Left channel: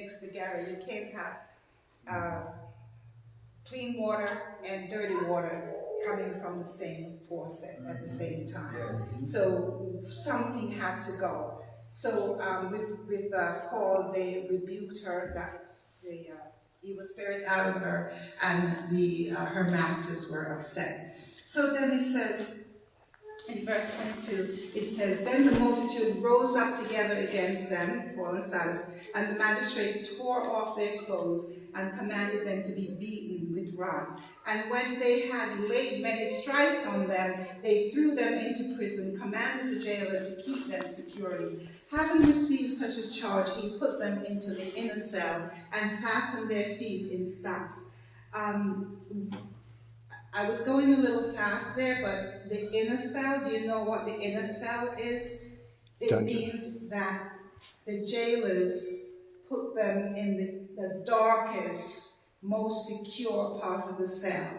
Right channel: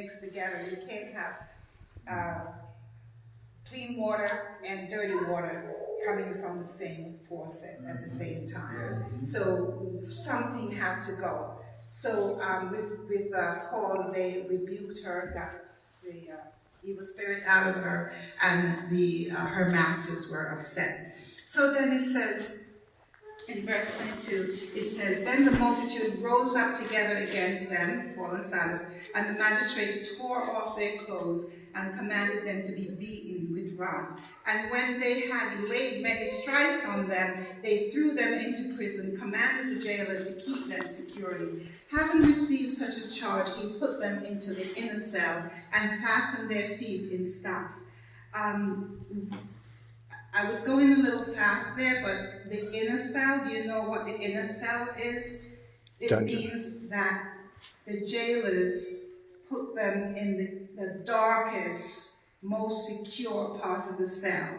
mixed together. You can't have clean water and dirty water coming from the same faucet at the same time. So something had to go. So with Paul, they rebuked her, got the evil spirit out of her, and her masters were upset. So then it says, in verse 22, it says, "Then the multitude rose up together against them," Paul and Silas, "and the magistrate tore off their clothes and commanded them to be beaten with rods. And when they had laid many stripes on them, they threw them into prison, commanded the jailer to keep them securely. Having received such a charge, he put them into the inner cell and fastened their feet in stocks." I was going a little fast there, but the inner cell, do you know what the inner cell is? It means that the jailers put them in the darkest, most secure part of the cell,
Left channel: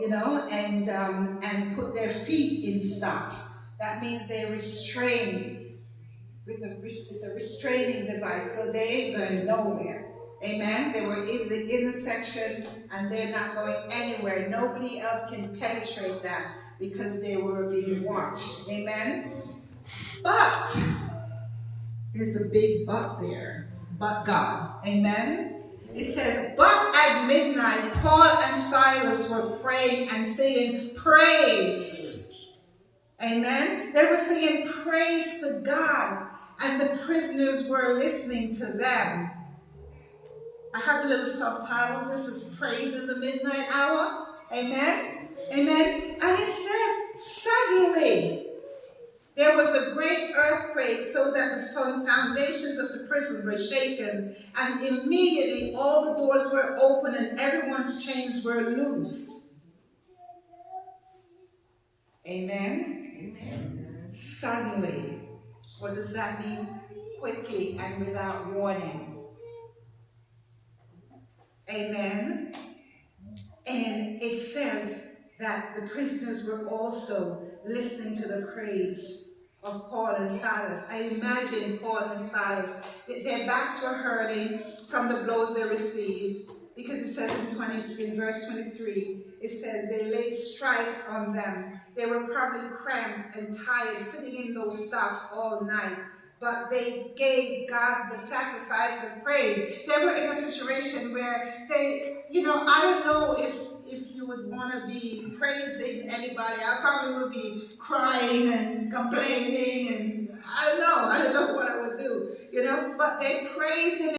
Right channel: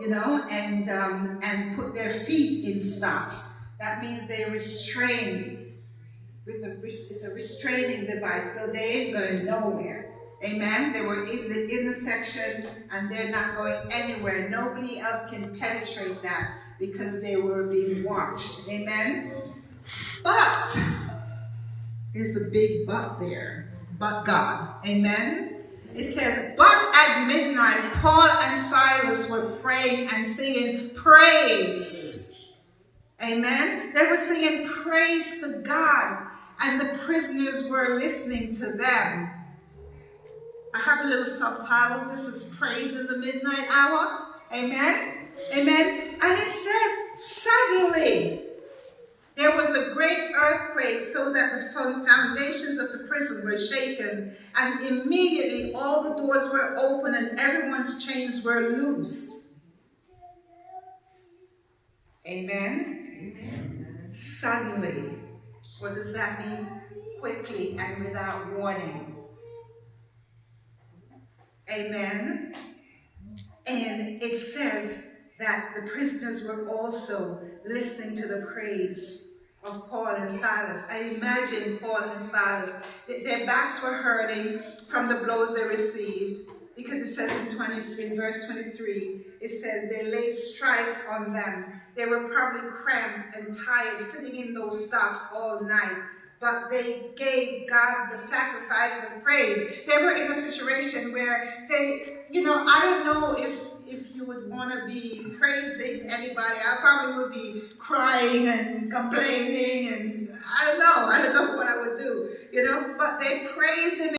and put their feet in stocks. That means they're restrained. It's a restraining device, so they ain't going nowhere. Amen? They were in the inner section, and they're not going anywhere. Nobody else can penetrate that because they were being watched. Amen? But there's a big but there. But God. Amen? It says, "But at midnight, Paul and Silas were praying and singing praise." Amen? They were singing praise to God, and the prisoners were listening to them. I have a little subtitle. This is Praise in the Midnight Hour. Amen? Amen? And it says, suddenly there was a great earthquake, so that the foundations of the prison were shaken, and immediately all the doors were open and everyone's chains were loosed. Amen? Amen. Suddenly. What does that mean? Quickly and without warning. Amen. And it says that the prisoners were also listening to the praise of Paul and Silas. I imagine Paul and Silas, their backs were hurting from the blows they received, because it says in verse 23, it says they laid stripes on them. They were probably cramped and tired, sitting in those stocks all night. But they gave God the sacrifice of praise. They were in a situation where they, I don't know if you would want to be praising anybody. I probably would be crying and complaining, and I don't know what I would do, but they praise him